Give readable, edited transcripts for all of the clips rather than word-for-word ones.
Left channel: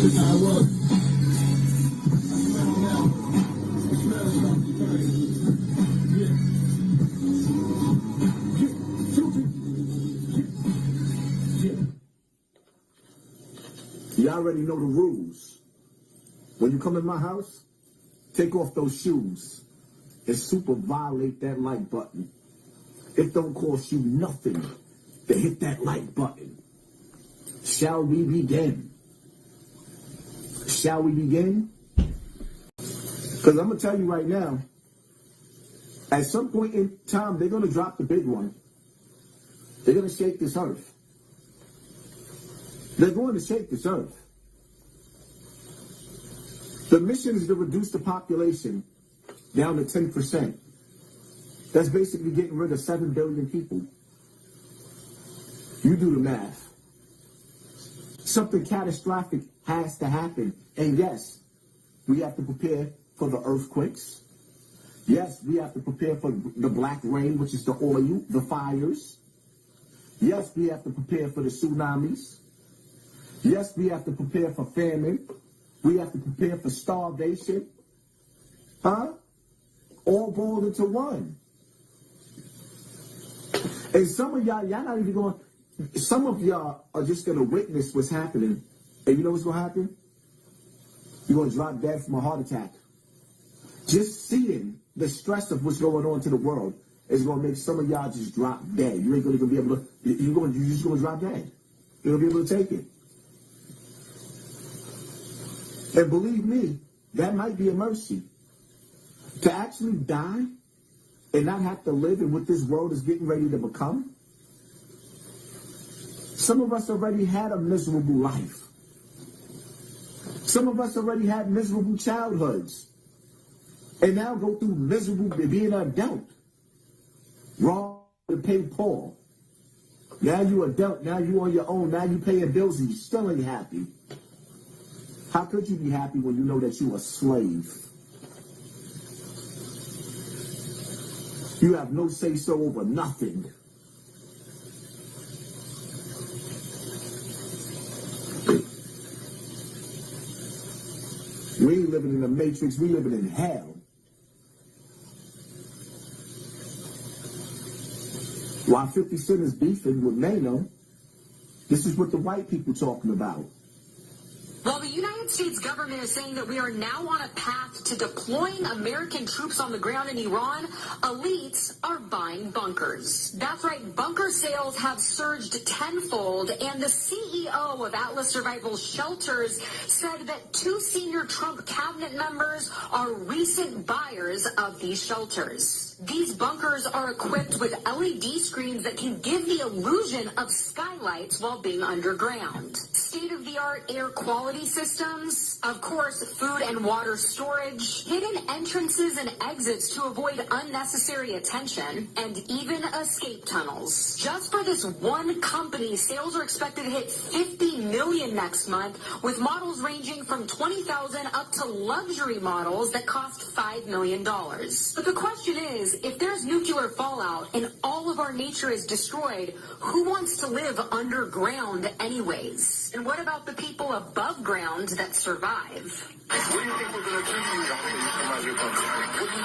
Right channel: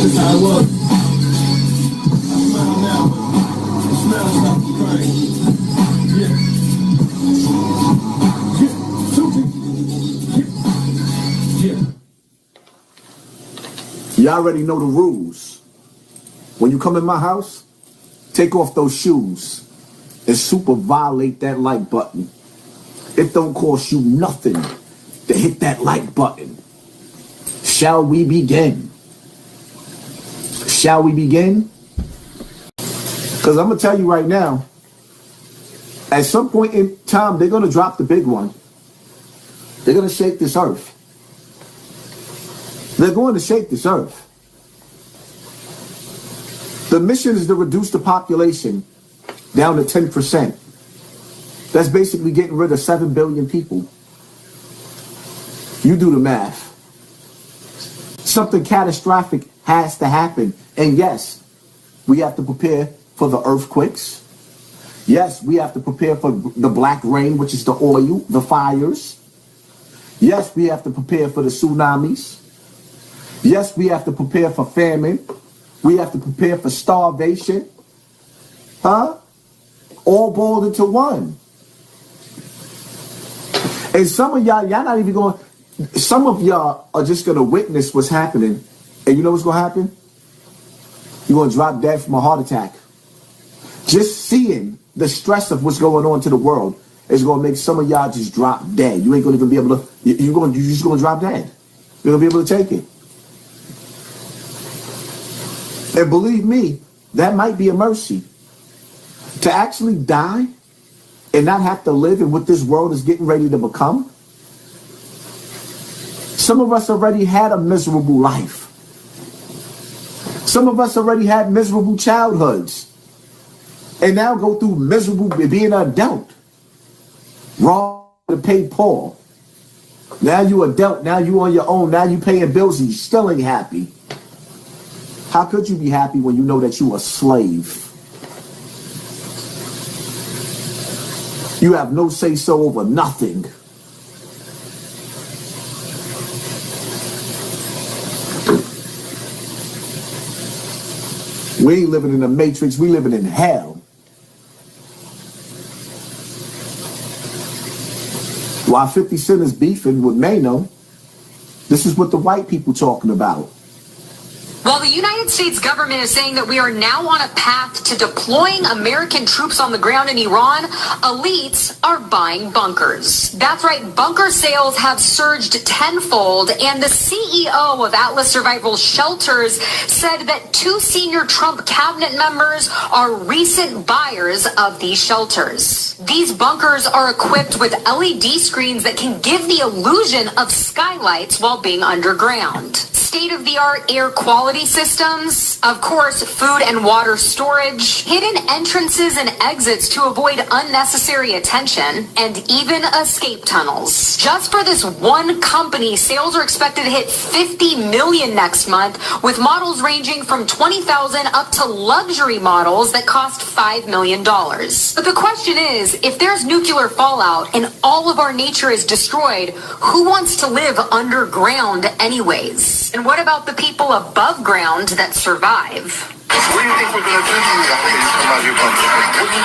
This how it was. I smell now. It smells like the crying. Yeah. Yeah. Susie. Yeah. Yeah. You already know the rules. When you come in my house, take off those shoes and super violate that like button. It don't cost you nothing to hit that like button. Shall we begin? Shall we begin? Because I'm going to tell you right now, at some point in time, they're going to drop the big one. They're going to shake this earth. They're going to shake this earth. The mission is to reduce the population down to 10%. That's basically getting rid of 7 billion people. You do the math. Something catastrophic has to happen. And yes, we have to prepare for the earthquakes. Yes, we have to prepare for the black rain, which is the oil, the fires. Yes, we have to prepare for the tsunamis. Yes, we have to prepare for famine. We have to prepare for starvation. Huh? All boiled into one. And some of y'all not even going, some of y'all are just going to witness what's happening. And you know what's going to happen? You're going to drop dead from a heart attack. Just seeing the stress of what's going on to the world is going to make some of y'all just drop dead. You ain't going to even be able to, you're just going to drop dead. You're going to be able to take it. And believe me, that might be a mercy. To actually die and not have to live in what this world is getting ready to become. Some of us already had a miserable life. Some of us already had miserable childhoods. And now go through miserable being an adult. Wrong to pay Paul. Now you adult, now you on your own, now you paying bills and you still ain't happy. How could you be happy when you know that you a slave? You have no say-so over nothing. We ain't living in the matrix, we living in hell. While 50 Cent is beefing with Mano, this is what the white people talking about. While the United States government is saying that we are now on a path to deploying American troops on the ground in Iran, elites are buying bunkers. That's right, bunker sales have surged tenfold, and the CEO of Atlas Survival Shelters said that 2 senior Trump cabinet members are recent buyers of these shelters. These bunkers are equipped with LED screens that can give the illusion of skylights while being underground. State-of-the-art air quality systems, of course, food and water storage, hidden entrances and exits to avoid unnecessary attention, and even escape tunnels. Just for this one company, sales are expected to hit 50 million next month, with models ranging from 20,000 up to luxury models that cost $5 million. But the question is, if there's nuclear fallout and all of our nature is destroyed, who wants to live underground anyways? And what about the people above ground that survive? What do you think we're going to do to you after you come out of your bunker? What do you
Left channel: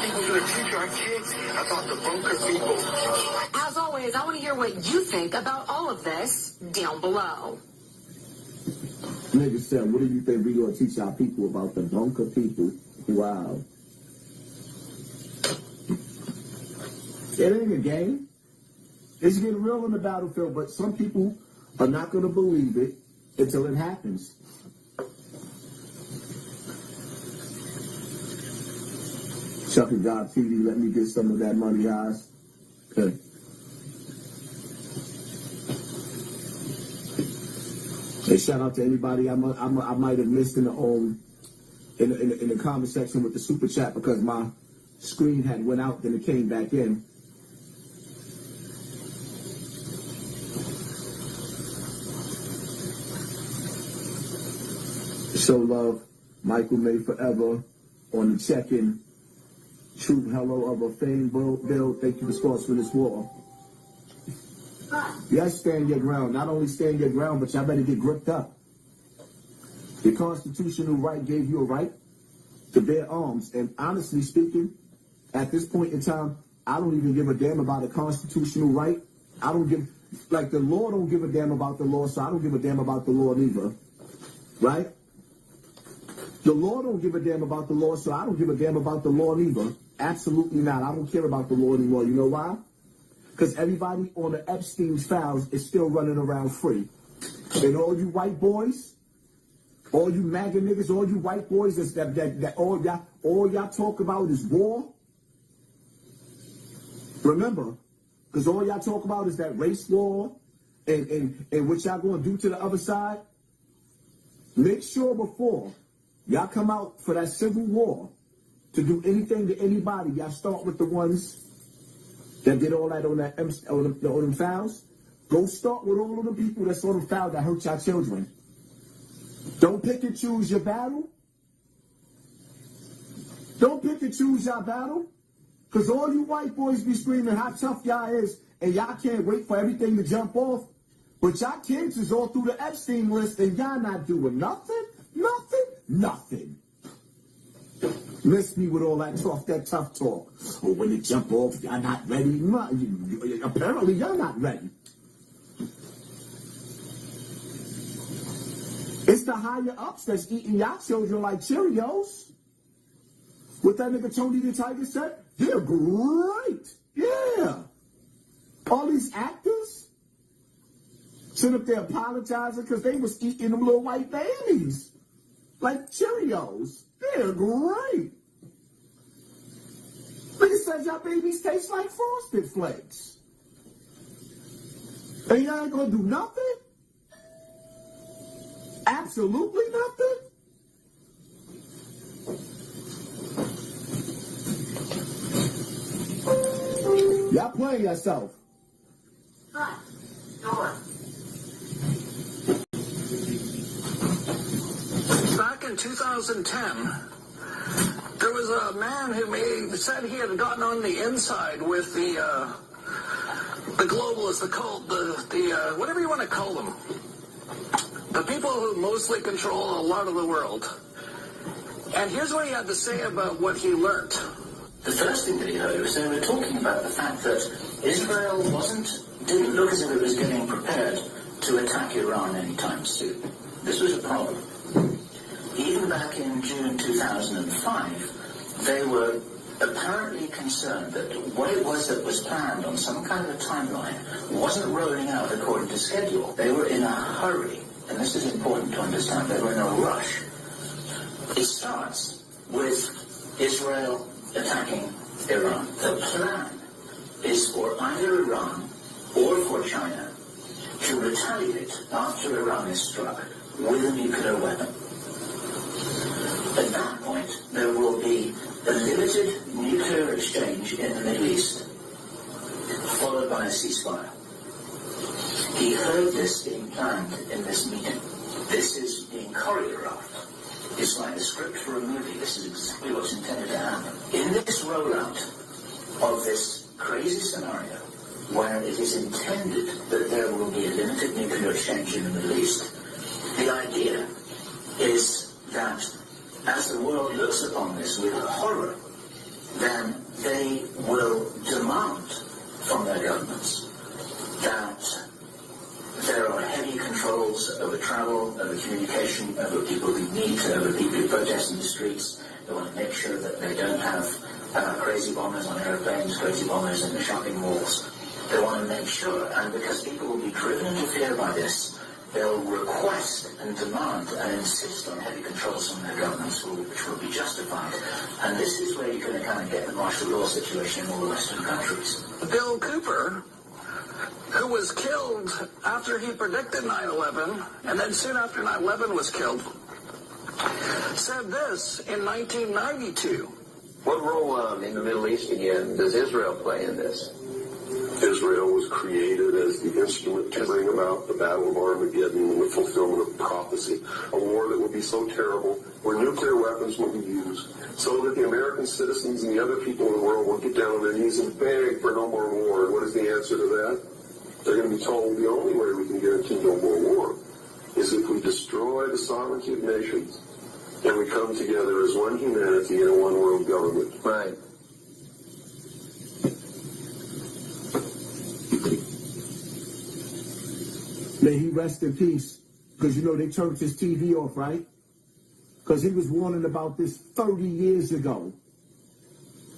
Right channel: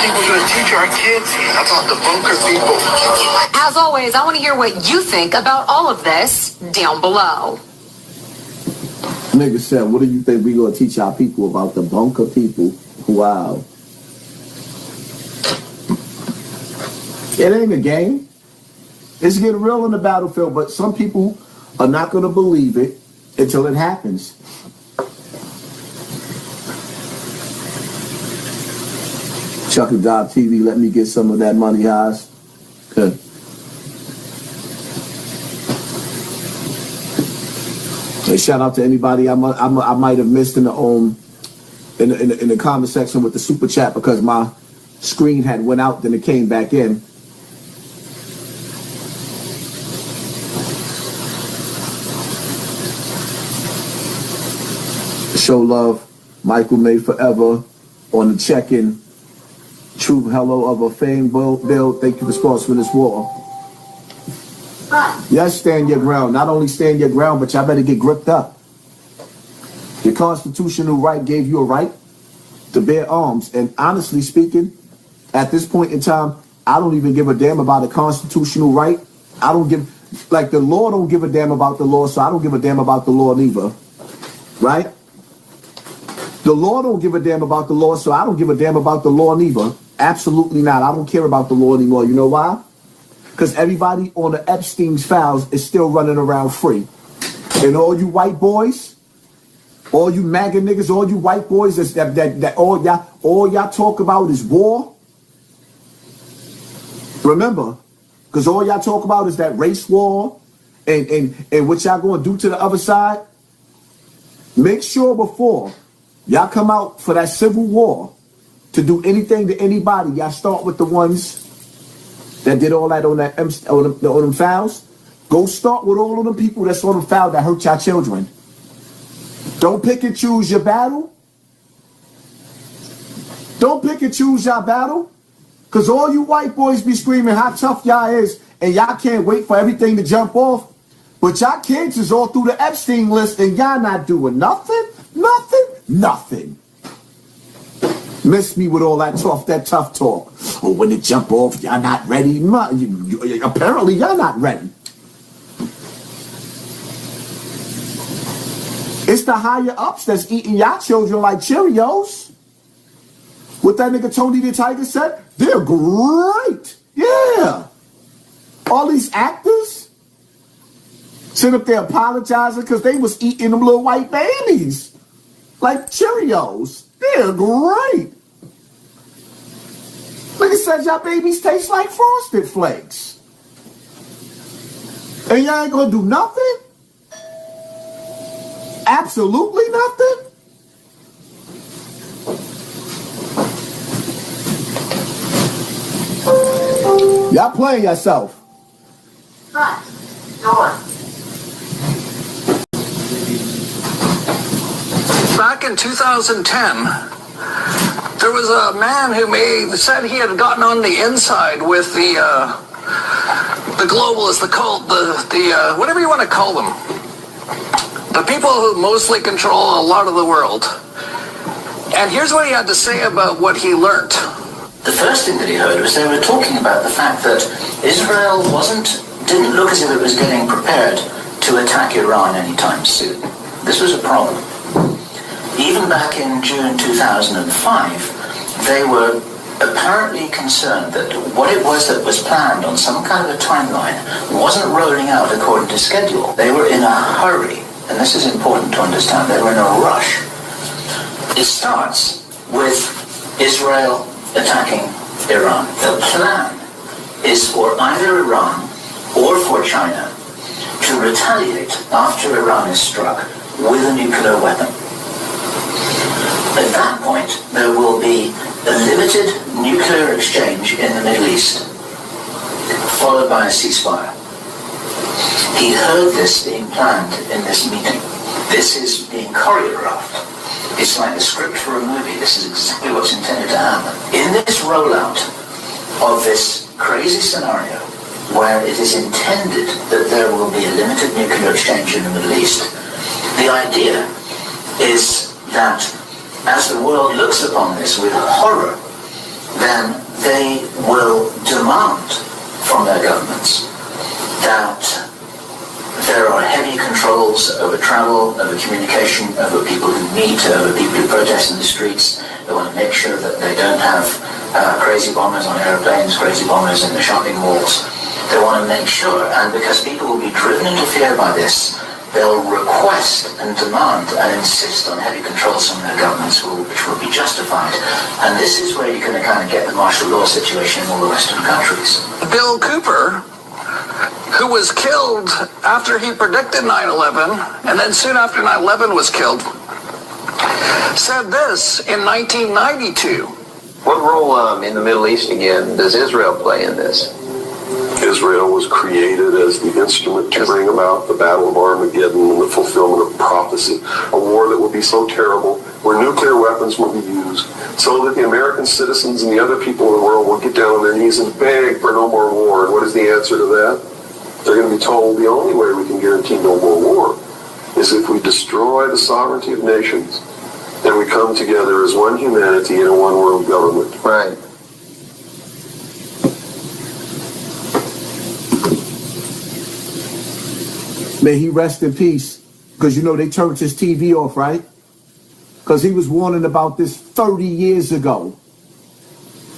think we're going to teach our kids about the bunker people? As always, I want to hear what you think about all of this down below. Nigga said, what do you think we're going to teach our people about the bunker people? Wow. It ain't a game. It's getting real in the battlefield, but some people are not going to believe it until it happens. Chuck and Job TV, let me get some of that money, Haas. Good. Hey, shout out to anybody I might have missed in the comment section with the super chat because my screen had went out, then it came back in. Show love, Michael May forever on the check-in. True hello of a fame Bill. Thank you for sponsoring this war. Yes, stand your ground. Not only stand your ground, but y'all better get gripped up. The constitutional right gave you a right to bear arms. And honestly speaking, at this point in time, I don't even give a damn about a constitutional right. I don't give, like, the law don't give a damn about the law, so I don't give a damn about the law neither. Right? The law don't give a damn about the law, so I don't give a damn about the law neither. Absolutely not. I don't care about the law anymore. You know why? Because everybody on the Epstein's files is still running around free. And all you white boys, all you MAGA niggas, all you white boys that all y'all talk about is war. Remember, because all y'all talk about is that race war and what y'all gonna do to the other side. Make sure before y'all come out for that civil war to do anything to anybody, y'all start with the ones that did all that on them files. Go start with all of them people that's on the file that hurt y'all children. Don't pick and choose your battle. Don't pick and choose your battle. Because all you white boys be screaming how tough y'all is, and y'all can't wait for everything to jump off. But y'all kids is all through the Epstein list, and y'all not doing nothing. Miss me with all that tough talk. Oh, when it jump off, y'all not ready. Apparently, y'all not ready. It's the higher ups that's eating y'all children like Cheerios. What that nigga Tony the Tiger said, they're great. Yeah. All these actors sit up there apologizing because they was eating them little white babies like Cheerios. They're great. Nigga said y'all babies taste like Frosted Flakes. And y'all ain't gonna do nothing? Absolutely nothing? Y'all playing yourself. Right. Go on. Back in 2010, there was a man who said he had gotten on the inside with the globalists, the whatever you want to call them, the people who mostly control a lot of the world. And here's what he had to say about what he learned. The first thing that he heard was they were talking about the fact that Israel didn't look as if it was getting prepared to attack Iran anytime soon. This was a problem. Even back in June 2005, they were apparently concerned that what it was that was planned on some kind of a timeline wasn't rolling out according to schedule. They were in a hurry, and this is important to understand. They were in a rush. It starts with Israel attacking Iran. The plan is for either Iran or for China to retaliate after Iran is struck with a nuclear weapon. At that point, there will be a limited nuclear exchange in the Middle East, followed by a ceasefire. He heard this being planned in this meeting. This is being choreographed. It's like a script for a movie. This is exactly what's intended to happen. In this rollout of this crazy scenario, where it is intended that there will be a limited nuclear exchange in the Middle East, the idea is that as the world looks upon this with horror, then they will demand from their governments that there are heavy controls over travel, over communication, over people who meet, over people who protest in the streets. They want to make sure that they don't have crazy bombers on airplanes, crazy bombers in the shopping malls. They want to make sure, and because people will be driven into fear by this, they'll request and demand and insist on heavy controls from their governments, which will be justified. And this is where you're going to kind of get the martial law situation in all the Western countries. Bill Cooper, who was killed after he predicted 9/11, and then soon after 9/11 was killed, said this in 1992. What role in the Middle East again does Israel play in this? Israel was created as the instrument to bring about the Battle of Armageddon and the fulfillment of prophecy, a war that would be so terrible, where nuclear weapons would be used, so that the American citizens and the other people in the world will get down on their knees and beg for no more war. And what is the answer to that? They're going to be told the only way we can guarantee no more war is if we destroy the sovereignty of nations and we come together as one humanity in a one world government. Right. May he rest in peace. Because you know they turned his TV off, right? Because he was warning about this 30 years ago.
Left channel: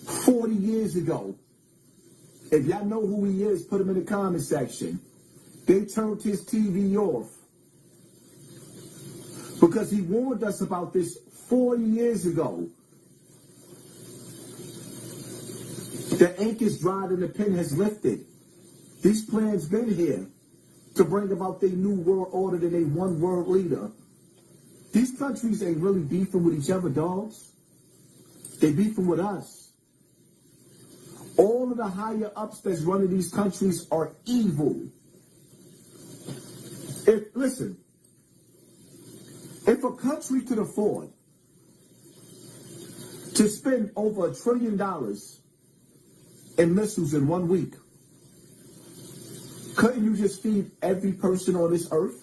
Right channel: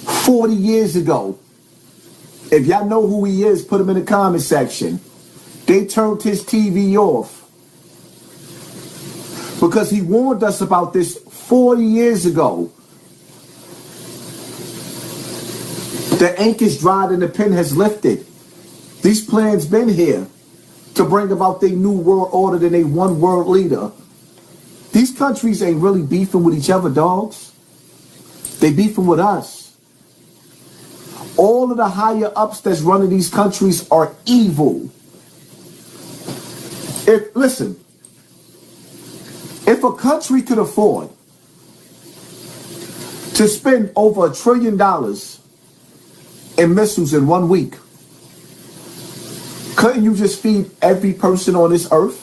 40 years ago. If y'all know who he is, put him in the comment section. They turned his TV off. Because he warned us about this 40 years ago. The ink is dried and the pen has lifted. These plans been here to bring about their new world order and a one world leader. These countries ain't really beefing with each other, dogs. They beefing with us. All of the higher ups that's running these countries are evil. Listen, if a country could afford to spend over $1 trillion in missiles in 1 week, couldn't you just feed every person on this earth?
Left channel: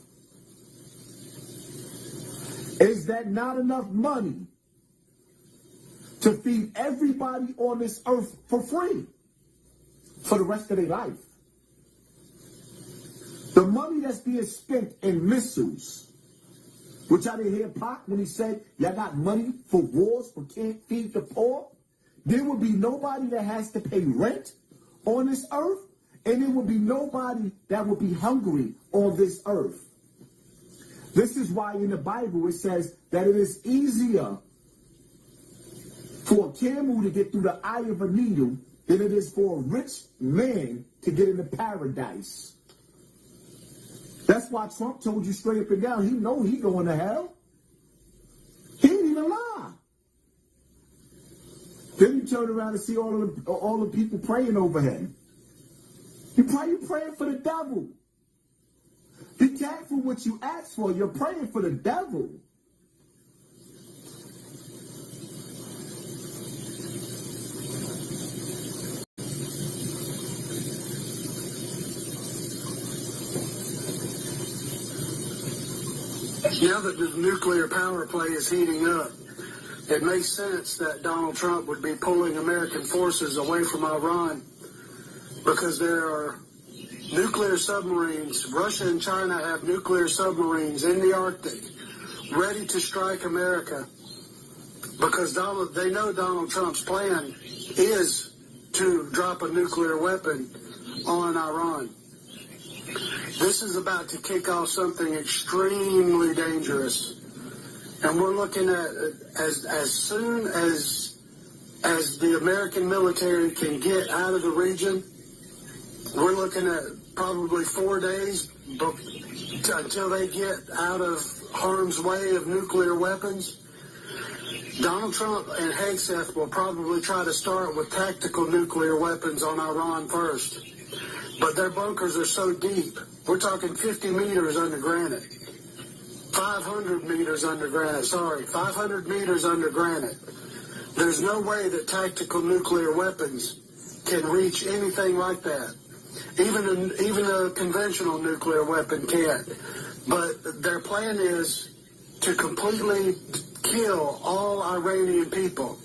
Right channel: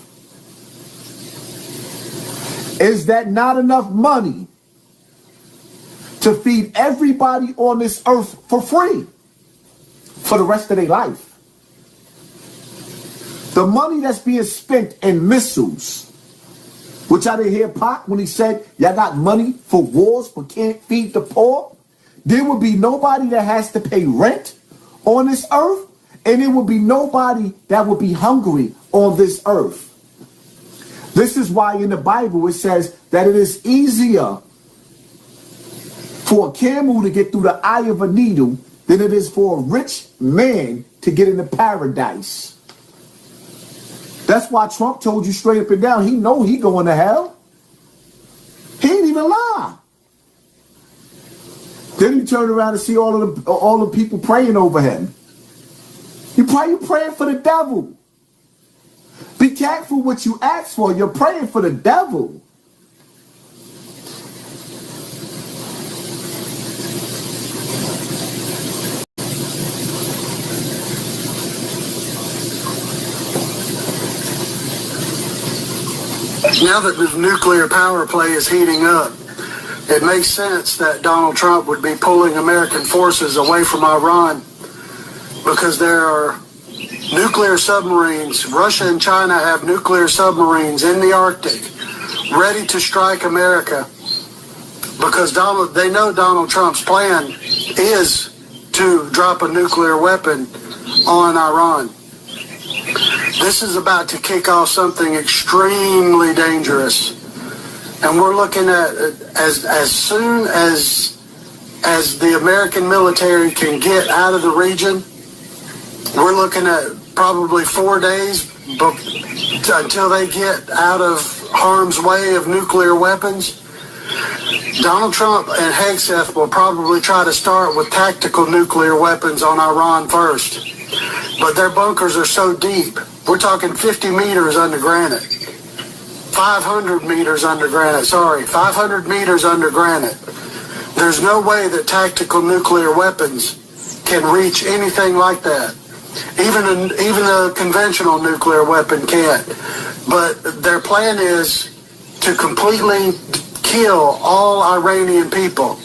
Is that not enough money to feed everybody on this earth for free for the rest of their life? The money that's being spent in missiles, which I didn't hear Pac when he said, y'all got money for wars but can't feed the poor. There will be nobody that has to pay rent on this earth, and there will be nobody that will be hungry on this earth. This is why in the Bible it says that it is easier for a camel to get through the eye of a needle than it is for a rich man to get into paradise. That's why Trump told you straight up and down, he know he going to hell. He ain't even lie. Then he turned around and see all the people praying over him. You praying for the devil. Be careful what you ask for. You're praying for the devil. Now that the nuclear power play is heating up, it makes sense that Donald Trump would be pulling American forces away from Iran because there are nuclear submarines. Russia and China have nuclear submarines in the Arctic ready to strike America because they know Donald Trump's plan is to drop a nuclear weapon on Iran. This is about to kick off something extremely dangerous. And we're looking at as soon as the American military can get out of the region, we're looking at probably 4 days until they get out of harm's way of nuclear weapons. Donald Trump and Hegseth will probably try to start with tactical nuclear weapons on Iran first. But their bunkers are so deep. We're talking 50 meters under granite. 500 meters under granite. 500 meters under granite. There's no way that tactical nuclear weapons can reach anything like that. Even a conventional nuclear weapon can't. But their plan is to completely kill all Iranian people.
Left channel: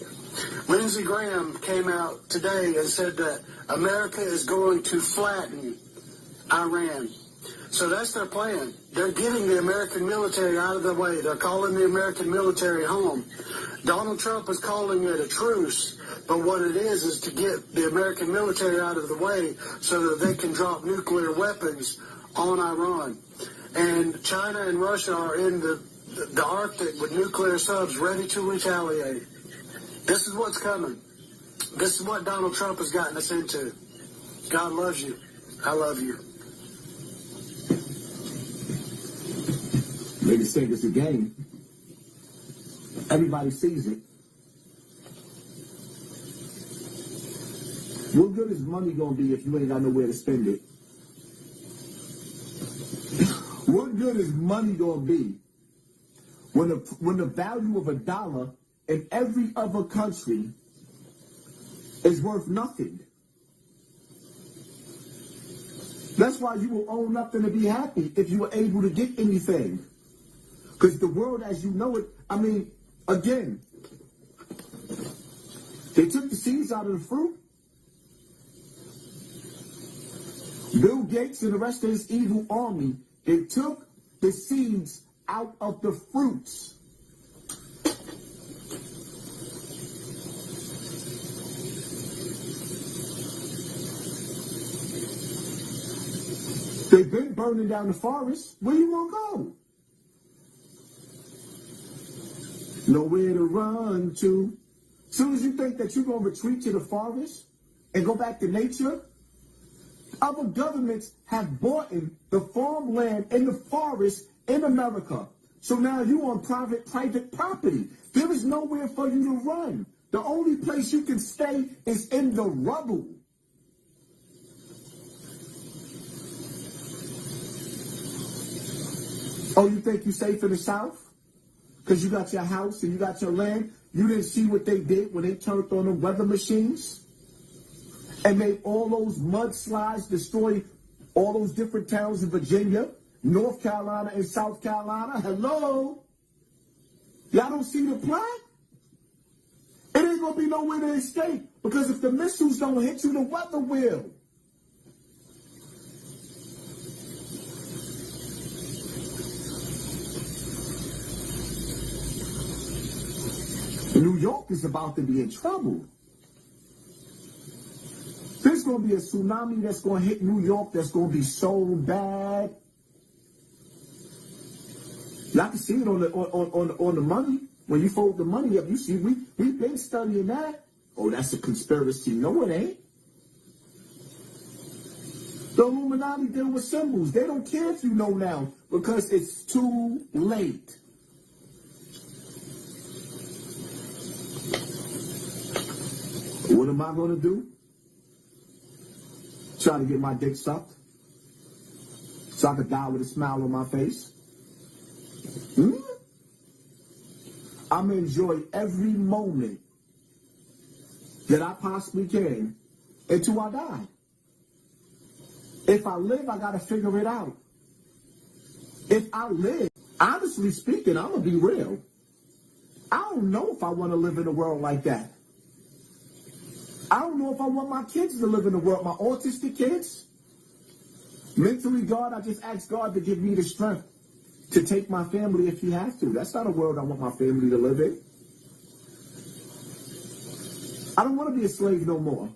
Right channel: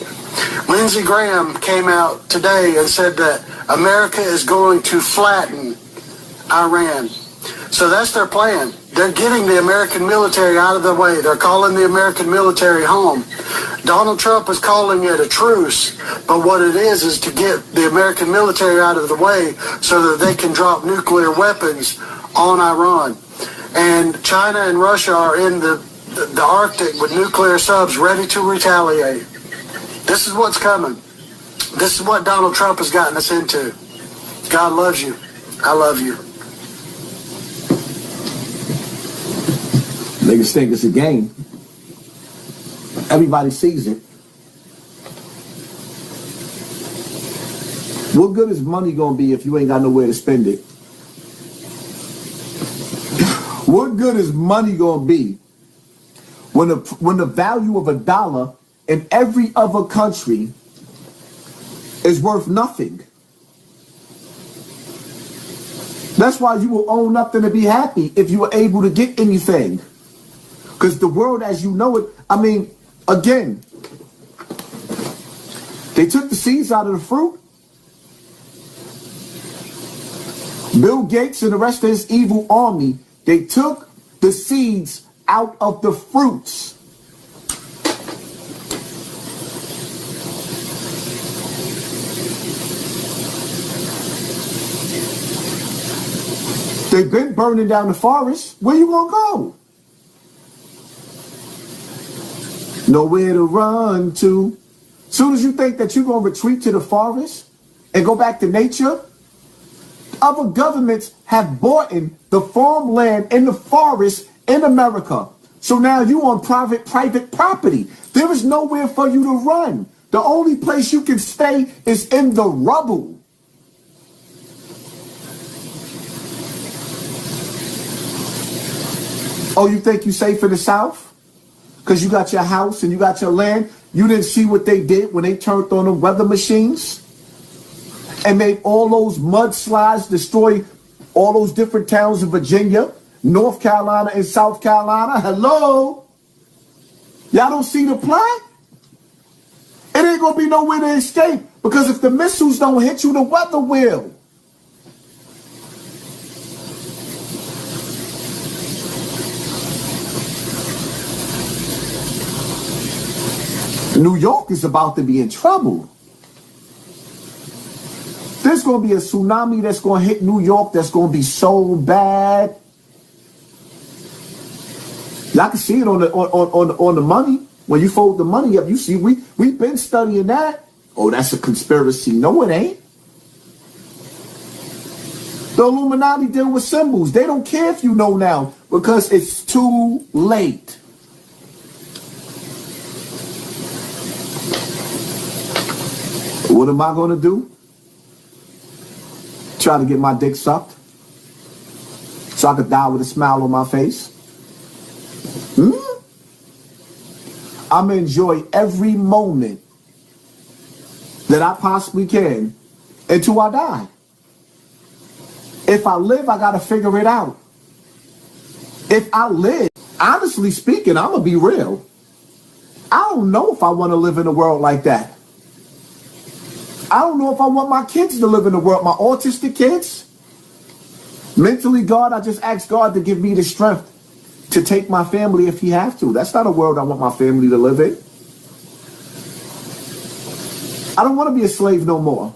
Lindsey Graham came out today and said that America is going to flatten Iran. So that's their plan. They're getting the American military out of the way. They're calling the American military home. Donald Trump is calling it a truce, but what it is to get the American military out of the way so that they can drop nuclear weapons on Iran. And China and Russia are in the Arctic with nuclear subs ready to retaliate. This is what's coming. This is what Donald Trump has gotten us into. God loves you. I love you. Niggas think it's a game. Everybody sees it. What good is money gonna be if you ain't got nowhere to spend it? What good is money gonna be when the value of $1 in every other country is worth nothing? That's why you will own nothing to be happy if you were able to get anything. Because the world as you know it, I mean, again, they took the seeds out of the fruit. Bill Gates and the rest of his evil army, they took the seeds out of the fruits. They've been burning down the forest. Where you gonna go? Nowhere to run to. Soon as you think that you're gonna retreat to the forest and go back to nature, other governments have bought in the farmland in the forest in America. So now you on private property. There is nowhere for you to run. The only place you can stay is in the rubble. Oh, you think you safe in the South? Because you got your house and you got your land? You didn't see what they did when they turned on the weather machines and made all those mudslides destroy all those different towns in Virginia, North Carolina, and South Carolina? Hello? Y'all don't see the plan? It ain't gonna be nowhere to escape, because if the missiles don't hit you, the weather will. New York is about to be in trouble. There's going to be a tsunami that's going to hit New York that's going to be so bad. Y'all can see it on the money. When you fold the money up, you see we've been studying that. Oh, that's a conspiracy. No, it ain't. The Illuminati deal with symbols. They don't care if you know now, because it's too late. What am I going to do? Try to get my dick sucked so I could die with a smile on my face? I'm going to enjoy every moment that I possibly can until I die. If I live, I got to figure it out. If I live, honestly speaking, I'm going to be real. I don't know if I want to live in a world like that. I don't know if I want my kids to live in the world, my autistic kids. Mentally, God, I just ask God to give me the strength to take my family if he has to. That's not a world I want my family to live in. I don't want to be a slave no more.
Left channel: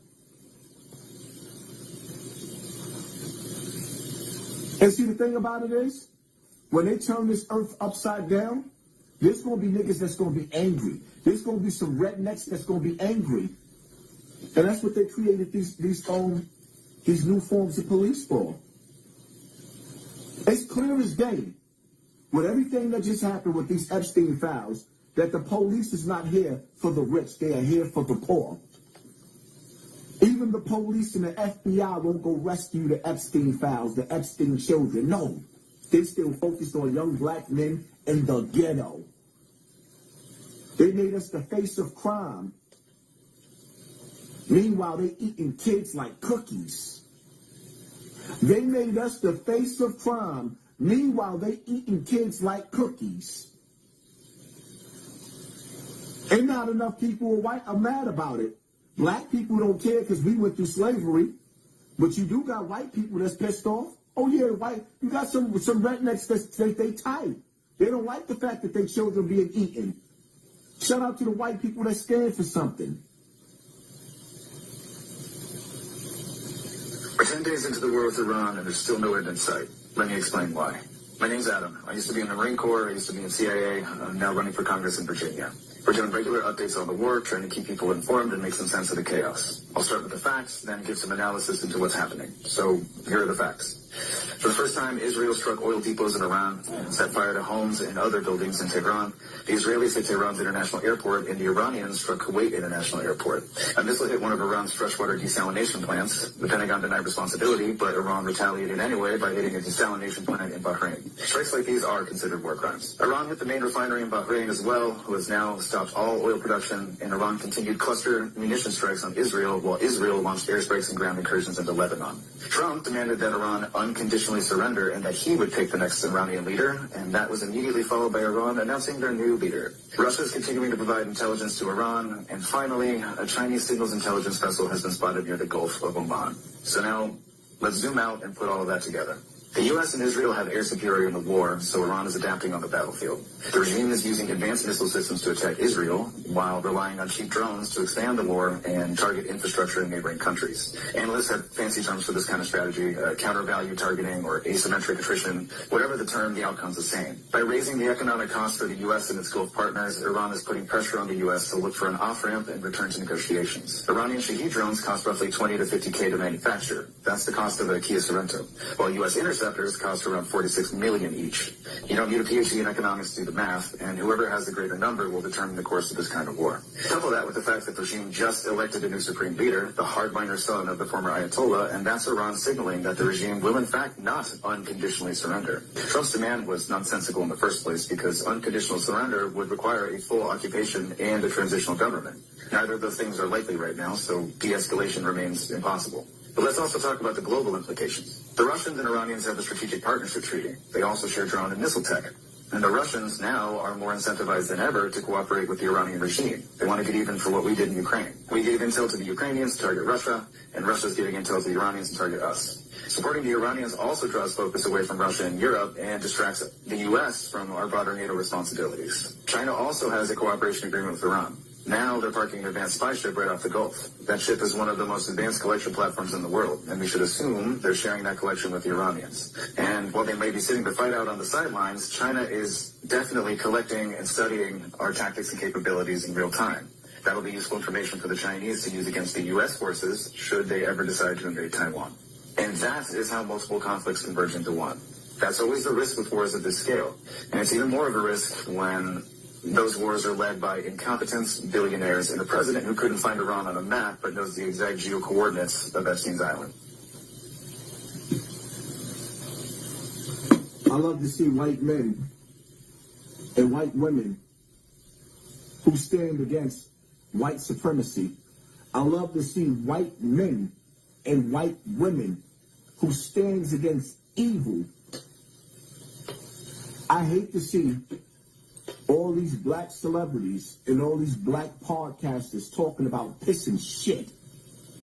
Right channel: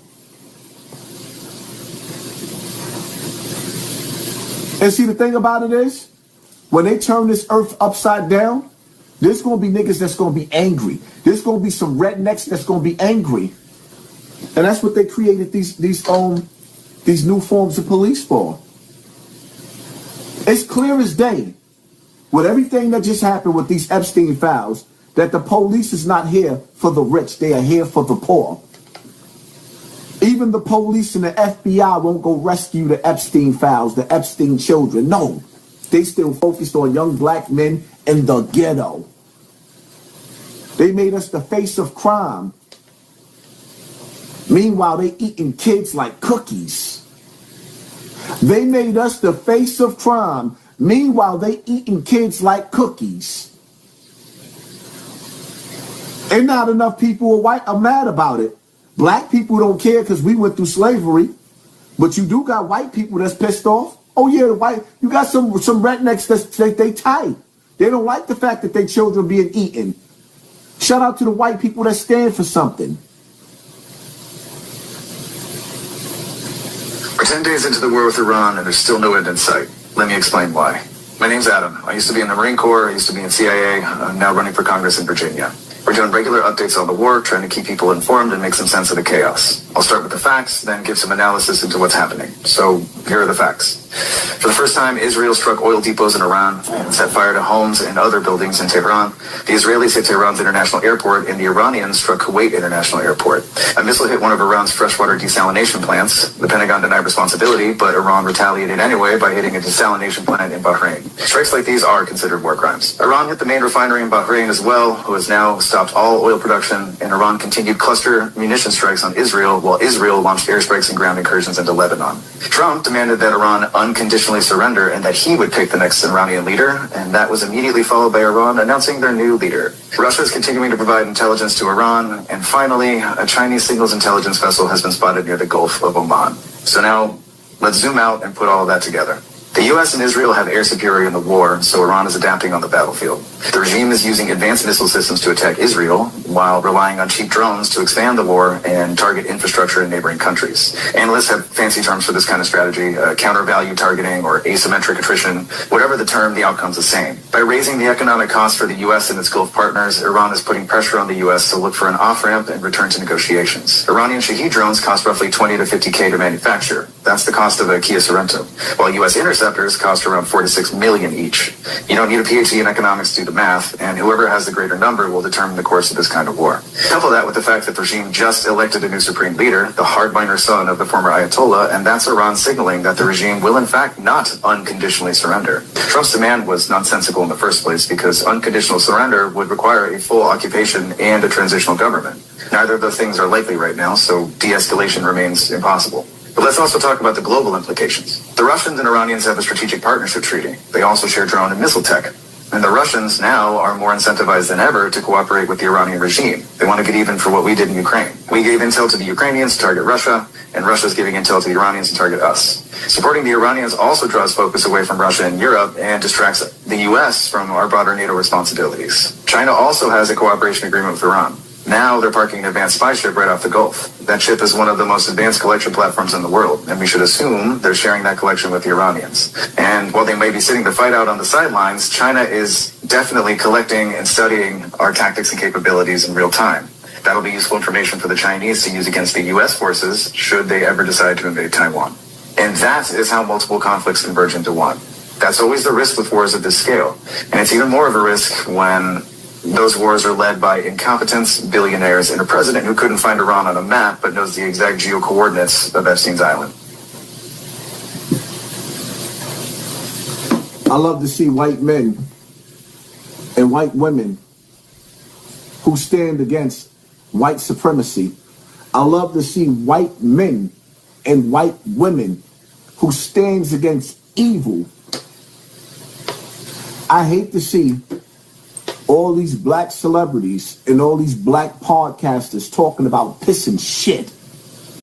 And see, the thing about it is, when they turn this earth upside down, there's going to be niggas that's going to be angry. There's going to be some rednecks that's going to be angry. And that's what they created these new forms of police for. It's clear as day, with everything that just happened with these Epstein files, that the police is not here for the rich. They are here for the poor. Even the police and the FBI won't go rescue the Epstein files, the Epstein children. No, they still focused on young black men in the ghetto. They made us the face of crime. Meanwhile, they eating kids like cookies. They made us the face of crime. Meanwhile, they eating kids like cookies. And not enough people are mad about it. Black people don't care because we went through slavery. But you do got white people that's pissed off. Oh yeah, you got some rednecks they tight. They don't like the fact that their children being eaten. Shout out to the white people that stand for something. We're 10 days into the war with Iran and there's still no end in sight. Let me explain why. My name's Adam. I used to be in the Marine Corps. I used to be in CIA. I'm now running for Congress in Virginia. We're doing regular updates on the war, trying to keep people informed and make some sense of the chaos. I'll start with the facts, then give some analysis into what's happening. So here are the facts. For the first time, Israel struck oil depots in Iran and set fire to homes and other buildings in Tehran. The Israelis hit Tehran's international airport, and the Iranians struck Kuwait International Airport. A missile hit one of Iran's freshwater desalination plants. The Pentagon denied responsibility, but Iran retaliated anyway by hitting a desalination plant in Bahrain. Strikes like these are considered war crimes. Iran hit the main refinery in Bahrain as well, who has now stopped all oil production, and Iran continued cluster munition strikes on Israel, while Israel launched airstrikes and ground incursions into Lebanon. Trump demanded that Iran unconditionally surrender and that he would pick the next Iranian leader, and that was immediately followed by Iran announcing their new leader. Russia is continuing to provide intelligence to Iran, and finally, a Chinese signals intelligence vessel has been spotted near the Gulf of Oman. So now, let's zoom out and put all of that together. The U.S. and Israel have air superiority in the war, so Iran is adapting on the battlefield. The regime is using advanced missile systems to attack Israel, while relying on cheap drones to expand the war and target infrastructure in neighboring countries. Analysts have fancy terms for this kind of strategy, counter-value targeting or asymmetric attrition. Whatever the term, the outcome's the same. By raising the economic cost for the U.S. and its Gulf partners, Iran is putting pressure on the U.S. to look for an off-ramp and return to negotiations. Iranian Shahed drones cost roughly $20 to $50K to manufacture. That's the cost of a Kia Sorento, while U.S. interceptors cost around $4 to $6 million each. You don't need a PhD in economics to do the math, and whoever has the greater number will determine the course of this kind of war. Couple that with the fact that the regime just elected a new supreme leader, the hardliner son of the former Ayatollah, and that's Iran signaling that the regime will in fact not unconditionally surrender. Trump's demand was nonsensical in the first place because unconditional surrender would require a full occupation and a transitional government. Neither of those things are likely right now, so de-escalation remains impossible. But let's also talk about the global implications. The Russians and Iranians have a strategic partnership treaty. They also share drone and missile tech. And the Russians now are more incentivized than ever to cooperate with the Iranian regime. They want to get even for what we did in Ukraine. We gave intel to the Ukrainians to target Russia, and Russia's giving intel to the Iranians to target us. Supporting the Iranians also draws focus away from Russia and Europe and distracts the U.S. from our broader NATO responsibilities. China also has a cooperation agreement with Iran. Now they're parking an advanced spy ship right off the Gulf. That ship is one of the most advanced collection platforms in the world, and we should assume they're sharing that collection with the Iranians. And while they may be sitting the fight out on the sidelines, China is definitely collecting and studying our tactics and capabilities in real time. That'll be useful information for the Chinese to use against the U.S. forces should they ever decide to invade Taiwan. And that is how multiple conflicts converge into one. That's always the risk with wars of this scale. And it's even more of a risk when those wars are led by incompetents, billionaires, and a president who couldn't find Iran on a map but knows the exact geo-coordinates of Epstein's Island. I love to see white men and white women who stand against white supremacy. I love to see white men and white women who stands against evil. I hate to see all these black celebrities and all these black podcasters talking about pissing shit.